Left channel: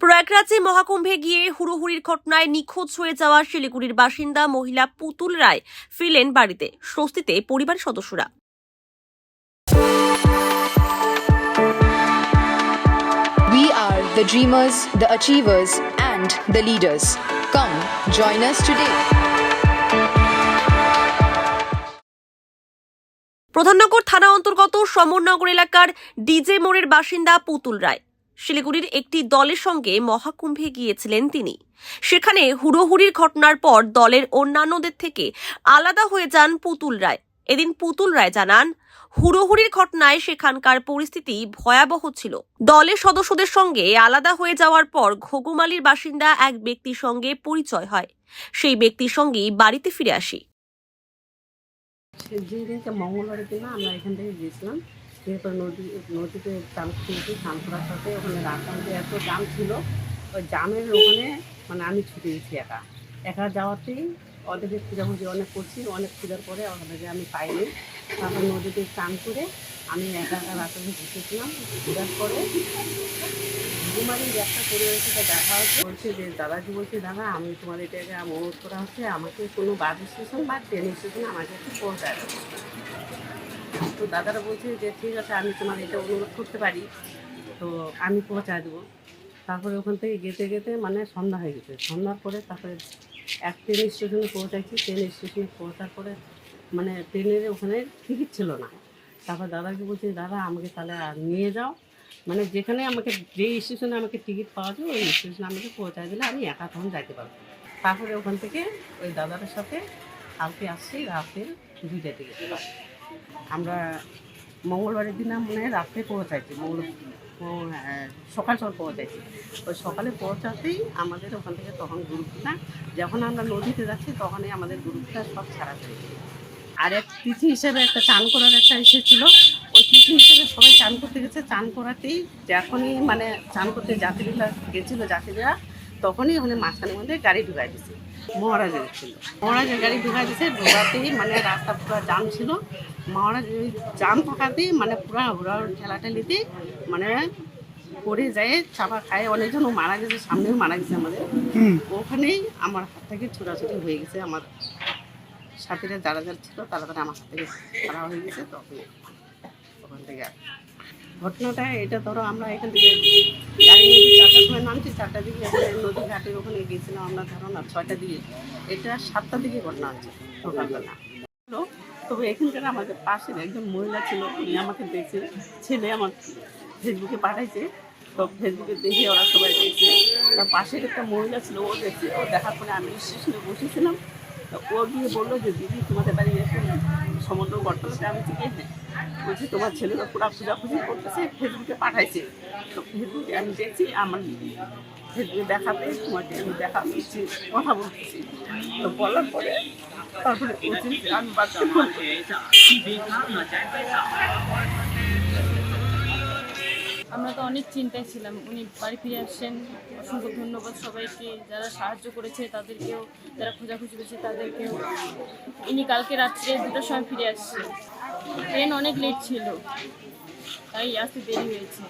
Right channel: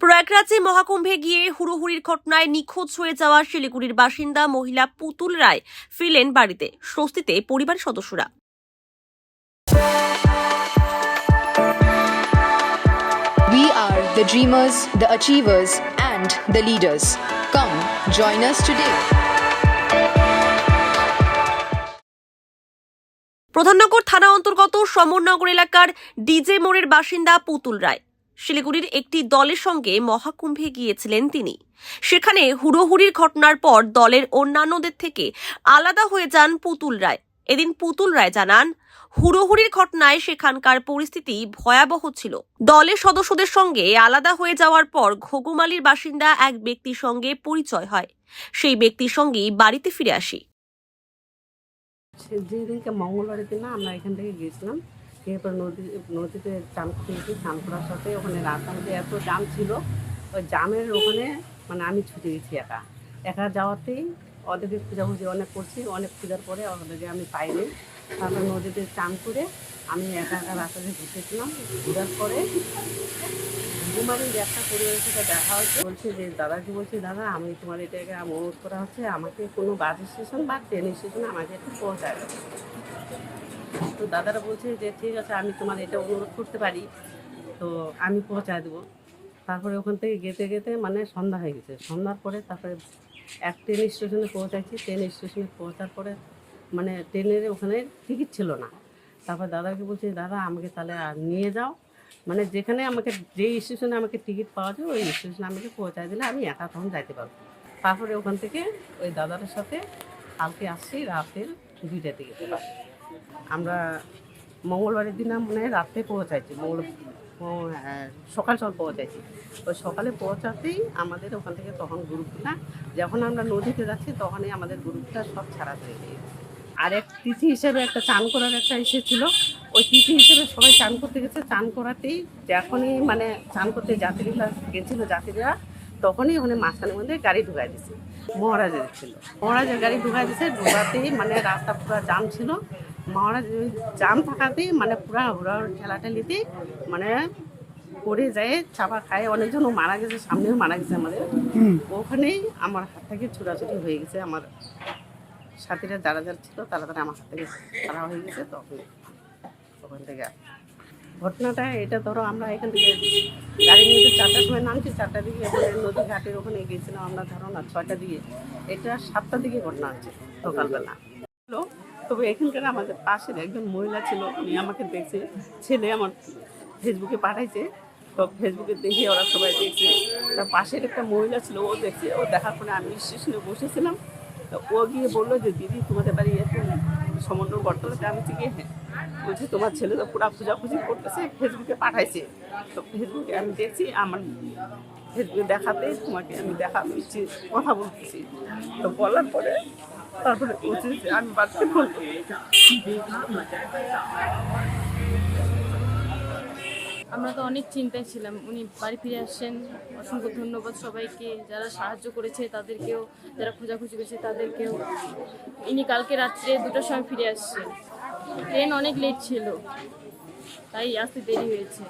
প্রয়াগরাজে মহাকুম্ভে গিয়ে হুড়োহুড়ির ঘটনায় নিখোঁজ হয়ে যাওয়া শিলিগুড়ির বাসিন্দা মহিলা পুতুল রায় ফিরলেন বাড়িতে, স্বস্তিতে পরিবারের সদস্যরা। We are the dreamers, the achievers, and the leaders. Come, join us today. Pradhan Nagar থানা অন্তর্গত সমরনগর এলাকার ডিজে মোড়ের বাসিন্দা পুতুল রায় শিলিগুড়ির একটি দলের সঙ্গে মহাকুম্ভে গিয়েছিলেন তিনি। সেখানে হুড়োহুড়ির ঘটনার পর দলের অন্যান্যদের থেকে আলাদা হয়ে যান পুতুল রায়। এদিন পুতুল রায় জানান, হুড়োহুড়ির ঘটনায় সেখানকার পরিস্থিতি ভয়াবহ ছিল। দলের সদস্যদের সঙ্গে আলাদা হয়ে যাওয়ার পর ঘুঘুমালির বাসিন্দা এক ব্যক্তির সঙ্গে পরিচয় হয়। সেই ব্যক্তির সঙ্গেই বাড়িতে ফিরে আসি। যেদিনকে মঙ্গলবারের দিন আমরা এখান থেকে গিয়েছিলাম, এরপর নদীতে চান করতে চান করার সাথে ওখানে রাস্তার মধ্যে এত জাম ছিল, ওই জামের ওখানে মানে আমি ছুটে গেছি একা যাওয়াতেই ওদেরকে খোঁজাখুঁজি অনেক করছি, অনেক খোঁজার পরে ওদেরকে আমি পাইনি। তারপর নদীতে চান করে আমি একা রাস্তাতে ঘুরতেছিলাম। ঘোরার পরে ঘুমারির একটা পরিবারের সাথে দেখা হচ্ছে, বলছি যে দাদাকে বলছি, দাদা আমি তোমার এটা অনুরোধ করা হচ্ছে, আমাকে কোনো বাস স্টেশন বা ট্রেন স্টেশনে আমাকে একটু পৌঁছায় দেবে। তো দাদারা বলছে যে ঠিক আছে, আমি তোমার এটা অনুরোধ করতে পারি, তো আমি পৌঁছায় দেবো। তারপরে ওখান থেকে যেতে যেতে মানে সন্ধ্যা হয়ে গেছে। সন্ধ্যার পরে তারপরে এক ট্রেন স্টেশনে পৌঁছাচ্ছি। ট্রেন স্টেশনে পৌঁছার পরে মানে ট্রেনের ওখানে টিকিট ছিল না। তারপর দাদাকে বলছি, দাদা আমাকে তাহলে নিয়ে যাও, মানে যেখানে আমাকে যে স্টেশনে আমাকে টিকিট পাওয়া যায় ওই স্টেশনে আমাকে পৌঁছায় দিলে আমি একা তখন যাইতে পারবো। তারপরে ওখান থেকে ওই দাদাটার সাথে কালকে আসছি রাতের 2টার দিকে। আমরা মঙ্গলবারের দিন মানে রাত্রে পৌঁছাইছি, সকাল পৌঁছাইছি। ওই সকালে পৌঁছাতেই আমাদের ওখান থেকে তখন গ্রুপটা, যখন আমরা নদীতে যাচ্ছি তখনই আমাদের গ্রুপটা সব ছাড়া হয়ে গেছে। আর এক তিথি হিসেবে একটা চান করার একটা এসেছিলো, ওই তিথি হিসেবে সবাই চান করতে গেছে। চান করাতেই যখনই মানে চান করতে যাত্রীরা গেছিলো যাত্রীরা, তখনই ওখানে মাঝখানের মধ্যে গাড়ি ঢুকাই দিছে। মহারাজের ছিল, মহারাজের গাড়ি ঢুকাই দিছে। ঢুকাতেই মানে রাস্তা পুরো জাম ছিল। মহারাজ ওই জাম থাকাতেই মানে পুরা ঘোরার ঠেলাঠেলিতে মানে পড়ে যায়, চাপা খায়, অনেকজনও মারা গেছে, সামনেও মারা গেছে আমাদের। ওখানেই আমার হাত থেকে ছোটাছুটি হয়ে গেছে। আমার সাথীরা যারা যারা ছিল তারা আমার হাত থেকে ছাড়া হয়ে গেছে। তখন ওখান থেকে ঘটনাটা এটা, ধরো আমরা এখান থেকে গাড়ি নিয়ে 4টার সময় নামছি, 4টার দিকে নদী ঘাটের ওখানে গিয়েছিলাম আমরা, ধরো না 6টার দিকে। এটা 7টার দিকে ঘটনা হয়েছে সকালবেলা। তবে এখানকার আমাদের পাশের একজন মহিলা ছিল, উনি আমাকে দেখছে, ছেলে আমার ফেসবুকে পাঠাইছে, তো ফেসবুকে দেখে ওরা সবাই দেখছে। তার পাশের একটা মহিলা ছিল, ও দেখছে। ও দেখার পরে আমি স্টেশনে বসেছিলাম, তো ও গিয়ে বললো যে দিদি তোমাদের বাড়ি এরকম সমুদ্র ঘটনাতে। আমি থেকে হ্যাঁ, বলছি তোমার ছেলেরা পুরো খোঁজাখুঁজি করতেছে, ফেসবুকে পাঠাইছে। তো ফেসবুকে আমি দেখছি, আমার ফেসবুকে দেখাতে তোমাকে আমি দিচ্ছি, কথা বলতেছি। তো বলার পরে তারপরে আমি বাচ্চা বলতে আমরা তো অনেক চিন্তায় ছিলাম। উনি বাড়ি ফিরে আসছেন, অসংখ্য ধন্যবাদ সবাইকে, যারা সাহায্য করেছে তাদেরকেও, যারা খোঁজাখুঁজি করেছে তাদেরকেও। ইনি কালকে রাত্রে 2টার সময় ফিরে আসছে। ট্রেন অনেক লেট ছিল, তাই আসতে দেরি হয়েছে।